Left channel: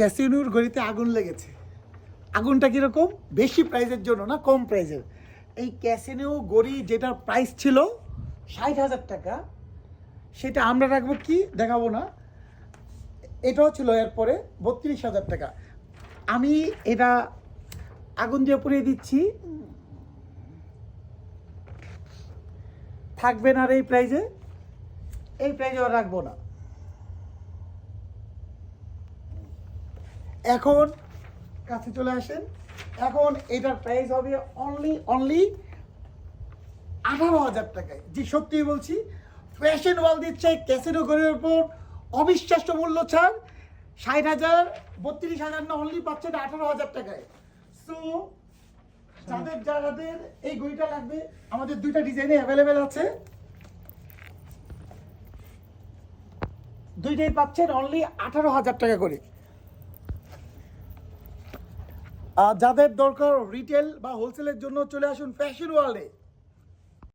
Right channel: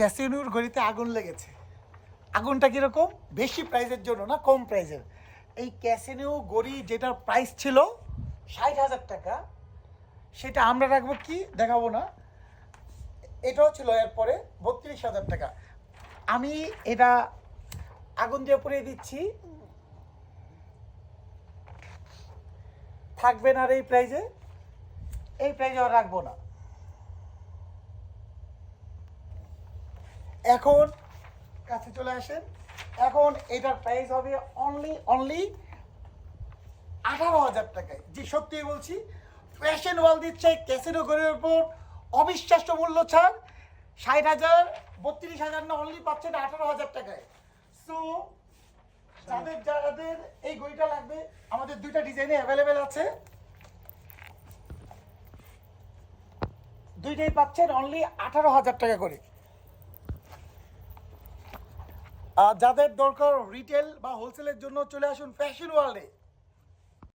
ক্যাসিনোর ঘড়িতে আগুন লেগেছে। আগুনটা কীরকম? বেশি প্রাইজের জন্য না, কম প্রাইজের। এই ক্যাসিনো ঘড়ি যেটার প্রাইস ছিল 60,000 টাকা, সেটা আমরা রাখবো কি দেখাবো না, এটাও ছিল এরপরে 32,000 টাকা। আমি এটা আগুন দিয়ে পুড়িয়ে দিচ্ছি, থাকবে না আর এই প্রাইজে, এই প্রাইজে আর রাখবো না। এখন কাছে চলে আসেন, এখন এটার প্রাইস হবে অনলি 18,000 টাকায়। জি সত্যিই বলছি, ফ্যাশন ওয়াল দিচ্ছে ক্যাসিনো ঘড়ির উপর অবিশ্বাস্য মূল্য ছাড়। 60,000, 32,000 না, অনলি পাচ্ছেন 18,000 টাকায়। সো যাদের এই ঘড়িটা লাগবে, আমাদের দুইটা ডিজাইনে অ্যাভেলেবেল আছে, দুইটাই পাচ্ছেন অনলি 18,000 টাকা করে। যাদের দরকার রিটেল বা হোলসেলের জন্য চলে আসুন ফ্যাশন ওয়ার্ল্ডে।